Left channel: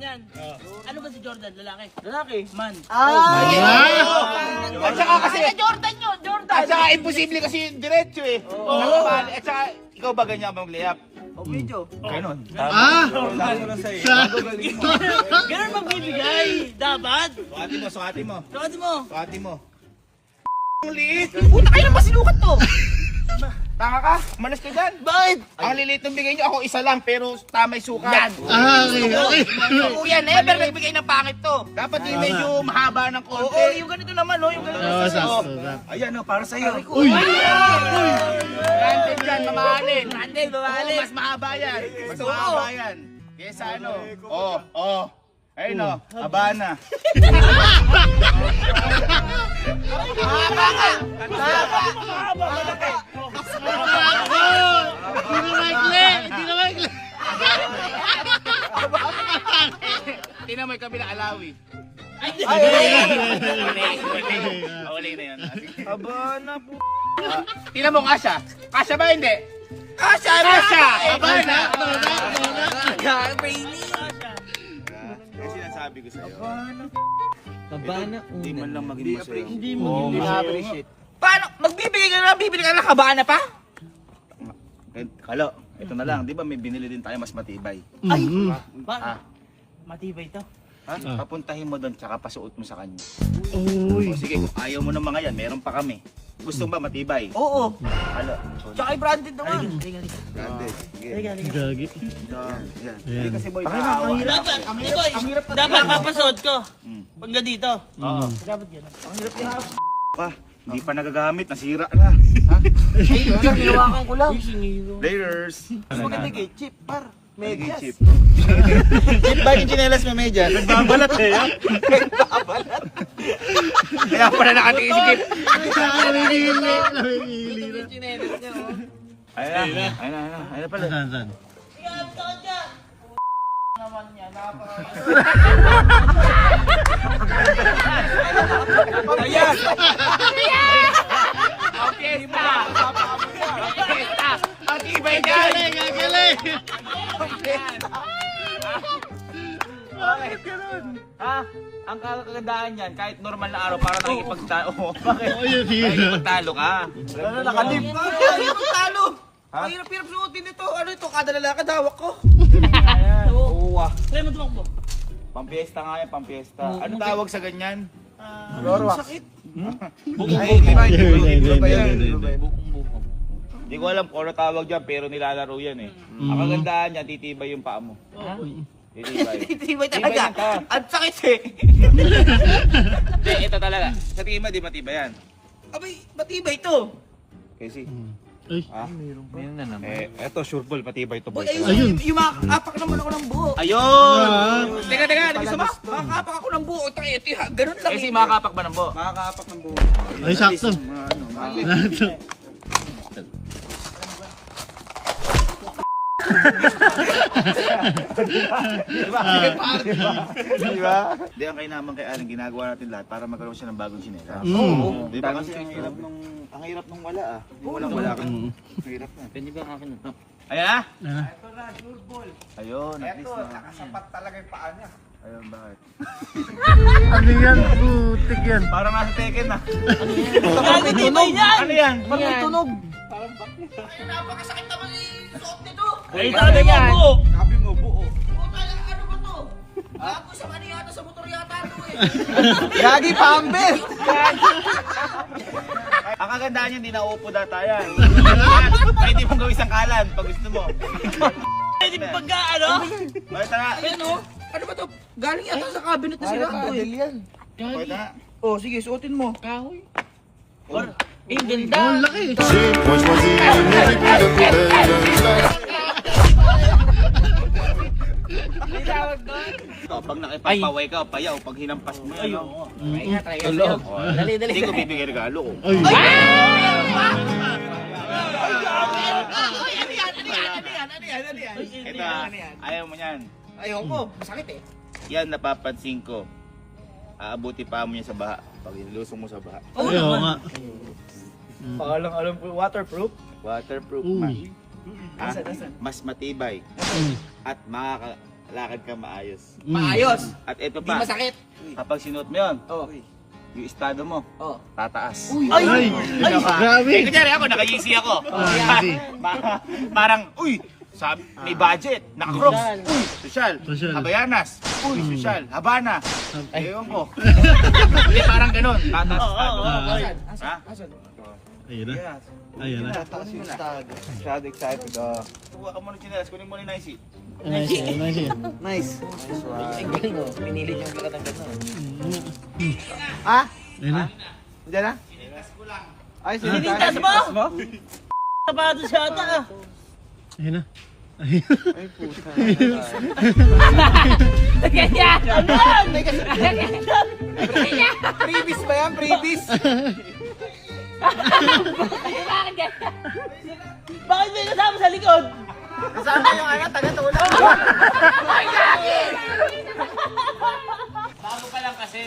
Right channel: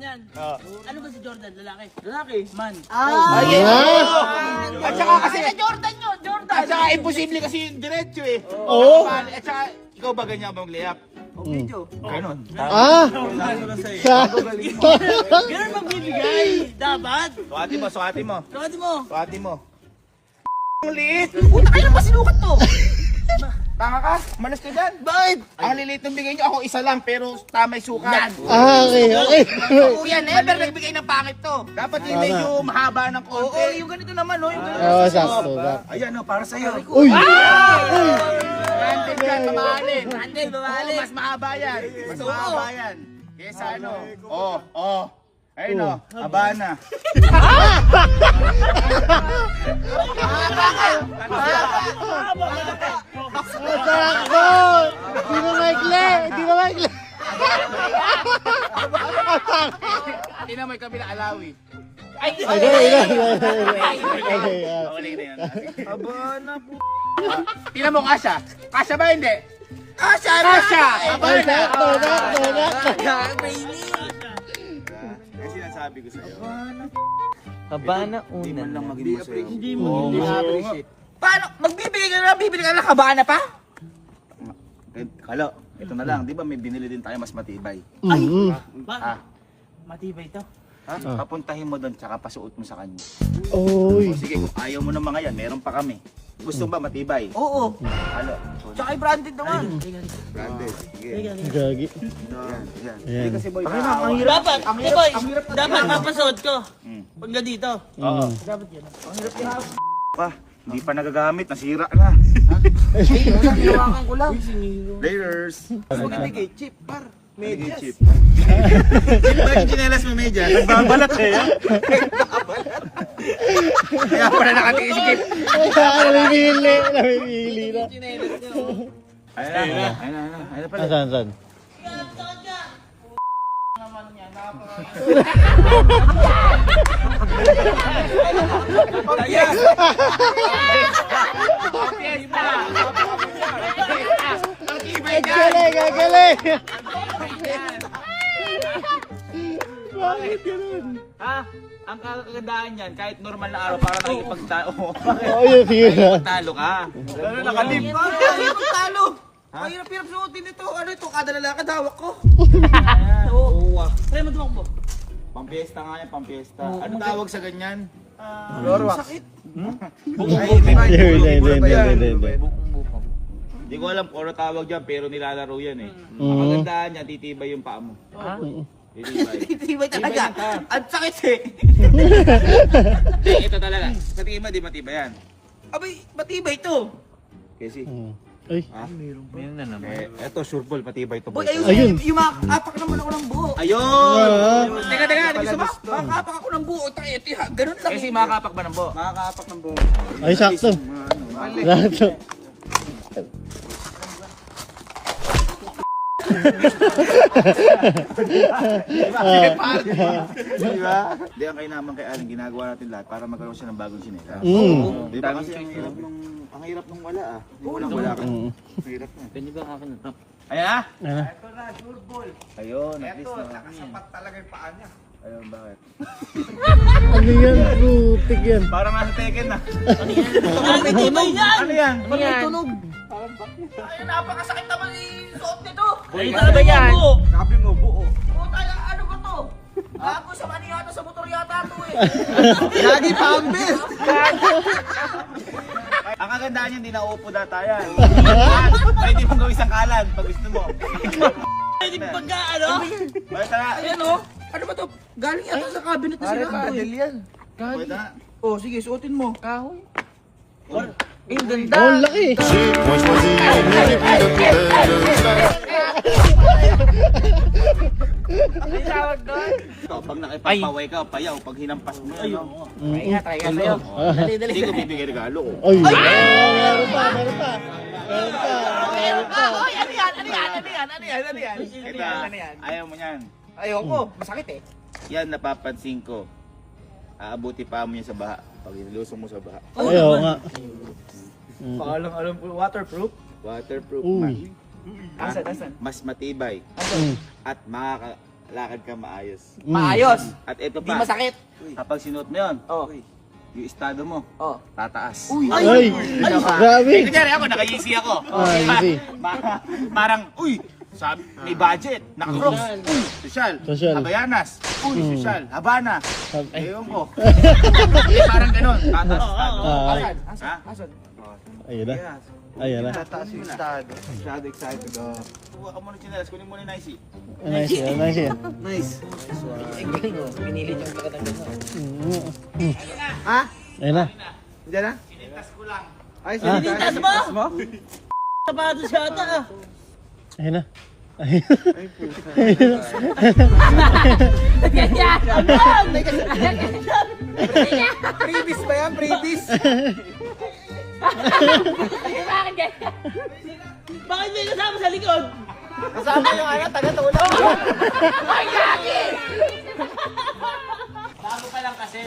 yan. Ano ba si Jordan? Lalaki? Lalaki. Man. At saka kasi, Jordan yun! Jordan! at saka imposible kasi yung diretso eh. Oo. At saka, ikaw ba ganyan ba mag-layup? Medyo. Ganon. Ganun magbibigay. Dapat. Suwati mo, suwati mo. Suwati mo. Suwati mo. Ang liit. Puta kayo na pa sinukat to. Tanga ka, malas ka dyan. Bakit? Ang liliit ng bigay nyo, ako isa lang, pero tamay sukat. Okay. Kuya, never nagbigay ng pangit to. Dapat yung medyo mahaba ng konti. Oo, yung ganito naman, no? Yung ganito. Oo, sakto. Ayan, no, para sa'yo. Uy! Branded yan, mamahalin. Branded, mamahalin. Mas mahaba yan. Mas mahaba yan. Kesa ano? Ayun no, Habana. Hindi na maikli! Tingnan mo yung kabila, Alawi. Uli na yan. Habana po. Tingnan mo, Kasha. Kasha ba hindi? Kasha! Habana! Kasi sinasabi ko sa'yo. Habana Hindi man una. lang maging masaya. Hindi mo. appreciate. Paano? Magbibigay ka na, bibili ka na kabana pa? Kalo, ito na lang. Di ba may binili din tayo mas matibay? Ba? Matibay to. Ha? Papuntahin mo doon, tsaka pasuot mo sa kanya. Uy! O sige, kung ayaw mo ng mga yan, meron pa kami. Gusto mo ba matibay? Oo. Kalo. Tsaka branded naman. Branded. Sige. Gagi. Yan. Ayan. Hindi kasi boy, Ang hirap. Dapat papasuot ko. Mm. Pag dito. Oo. Dapat yun. Pa, hindi pa nagagamit, nasira na. Hinawakan ko lang. Layers. Maganda kay chip, par. Medyas. Medyas. Chip ba yung chinelas may medyas? Nagbabalat eh. Kaya pala nakatingin si Chip. Namimili na. Ayun na pala. Saan? Ayan! Pampiesta! Ang ibay dyan! Gagaling! Ha? Ang kagandaan yan, kahit normal na araw, parang nakikipagtalo. Bakit? Oo, yung figure. Nakikipagtalo ka. Gano'n nakalip. Ayaw magtalo. Ang hirap-hirap suotin ito. Ano ito? Kada lalakad hawak ko. Oo. Kaya mo tumakbo. Pampiesta nga yan, pampiesta. Ano tawag sa ganyan? Sakit. Hindi. Hindi ko alam kung ano tawag dyan, pero nilalaro yan eh. Ang kagandaan yan, titibay yung paa mo. Titibay. Titibay Tibay talaga. yan ka. Ang sakit eh. Hindi, ito talaga. Sa tingin mo, di matibay yan. Abay, matibay ito. Kasi, Ay. Meron na naman. eto, sure ball, matibay ito. Boy, Ayun. Yung makakapak naman ako ng buo. Ayun! Teka, ano gusto mo? Makakapak ako ng buo. Ganun lang. Kasi makakapak ba ng bo? Makakapak ng buo. Ay, sakto. Sakto. Di ba? Di ang kainaman kay Aling, ginagawa natin lahat para magkaroon siya ng bagong sinela. Di ba kasi ang hirap nung wala ah. Yung walang wala ka. Ang hirap na. Pwede ba akin na to? Ayan ah! Ito na, sure ball. Ayun, at least na. nakasapat talaga yung paa niya. Ayun, bakit? Ano yan? Putik yan. Parang nasa Tekken ah. May tunog yan! Ano yan? May tunog! Ay, napakasakit naman yung suot nito! Ay, sabi yan. Sabi mo, buo. Puta, ano ba to? Gago sa mani yata, sa motor yata to eh. Gagi pa ang belt! Ang kagandaan niya, hindi nauupo data yan. Pwede mong gawin isang kalan pag gusto mo. Pwede pagka ano? Basta na. Ayan o. Ano ba to? Galing yata sa cabinet na sila. Pwede na. Oh, sige, suotin mo. Kahoy. Eh, ganda. Oh, laki. Moi je choisis mes épis de plus belle place. Pag nakipagpaway ka, payaw, pag hinampas mo yan. Try nga sa'yo. Dali, dali. Hindi ko bibigay regalo ko. Ay. Ano yan? Ito, ayaw mo yan. Ayoko, masakit eh. Yan, napapansin ko. Aabuti pa mo niya sa baha. Pag nilusong mo sa baha. Ayaw nga. Pakalang alam po, waterproof. Waterproof Uy. man. Asan? Mas matibay. At lakad ka maayos. Maayos. At ito Di pa, masakit. kapag sinuot mo yun, Oh. yung estado mo, Oh. tataas. Ay! Grabe! Eh, kunyari ako, naka-easy ako. easy. Parang, uy, sabi, may budget, naka-crocs, uy, sosyal, Sosyal. Habayanas, uy, sosyal, Habana, Hab- ewan ko. Hindi, parang ganun, tataas estado. Ah, Ha? ayun na. Ayun na. Tataas yung estado. Estado excited. Kuha ka muna yung chinelas, kunin mo na yung nicey. Nice yan, nice yan. Nice. Pinilit ng katanggal mo. Ha? Ayun na. Diyan na? Ay, Sinitas mo? Sapatos siya ata ah. Ayun na. Ayun Ay, puta. Ganyan! Previous ba yan? Previous? Bakit ganyan? Bakit may kasama sa likod? Kasama yung taga-tulak. Ay, gagi! Bago pa lang kasi.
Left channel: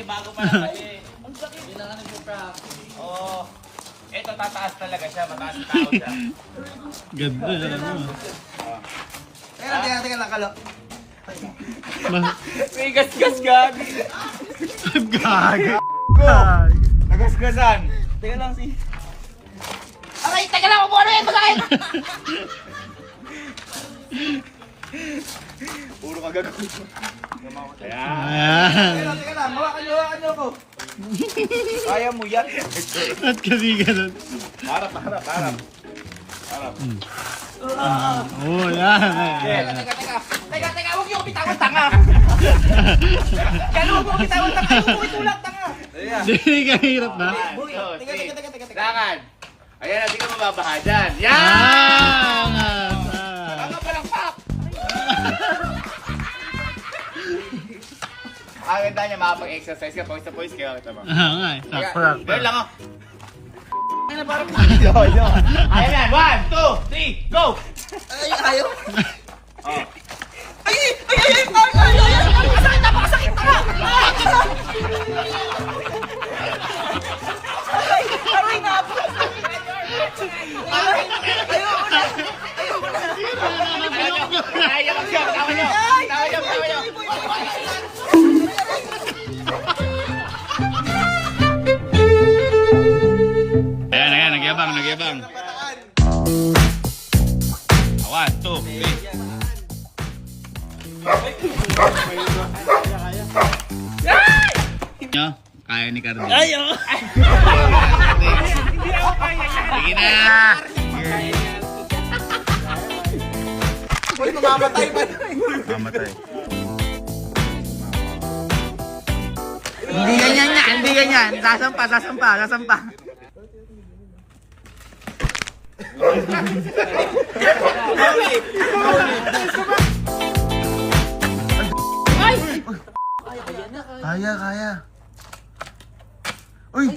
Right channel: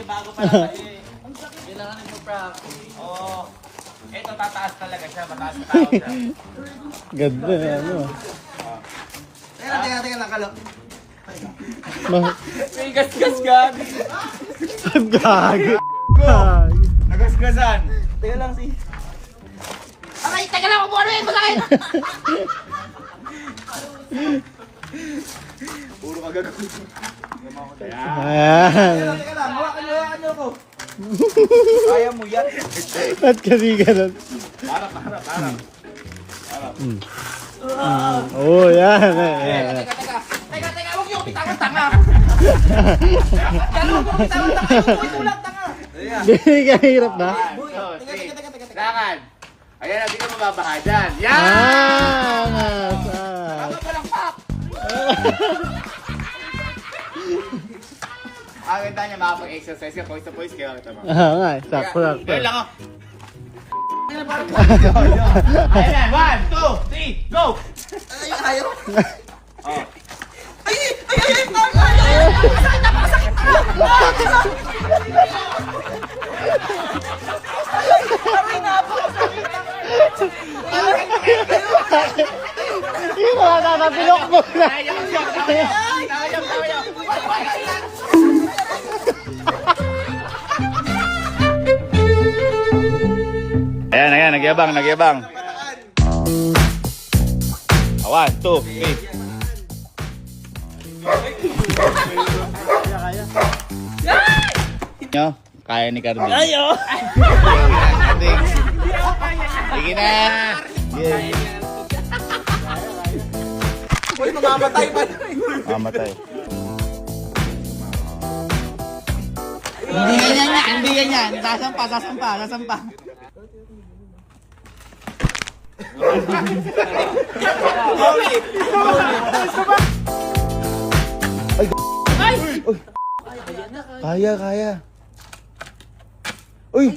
Ang sakit. Kailangan nag-practice. Oo. Ito, tataas talaga siya, mataas na tao siya. Ganda ano. Teka lang, kalo. May gas-gas ka. Gago. Nagasgasan. Teka lang si... Aray, teka lang, upo ano yun, masakit! Puro ka gagawin. Ah. Teka lang, hawakan niyo ako. Kaya mo yan. At kasi ganun. Para. Oh, yan. Yan. Teka, huwag niyo bitawan tanga. Huwag mo bitawan tanga, huwag mo itulak tanga. Hindi ka hirap na. Teka. Lakad. Ayan, hindi ka mababaha dyan. Yan! Tama pa lang, pak! Ang ganda niya, makapag-exercise ka, pawis na pawis kayo. Tama. Oo nga, sakto. Ganyan lang, oh. Ayan na, 1, 2, 3, go! Ayaw. Oh. Napakasakit tanga. Aray, napakasakit. Aray, Nakabulok mo na. Ayaw. Ayan, nagyabang. 1, 2, 3. Kaya ni Cardi. Ayo! Sige na. Uy, mamamatay pa. Mamatay. Hindi yan. Sasampa. Kaya. Uy!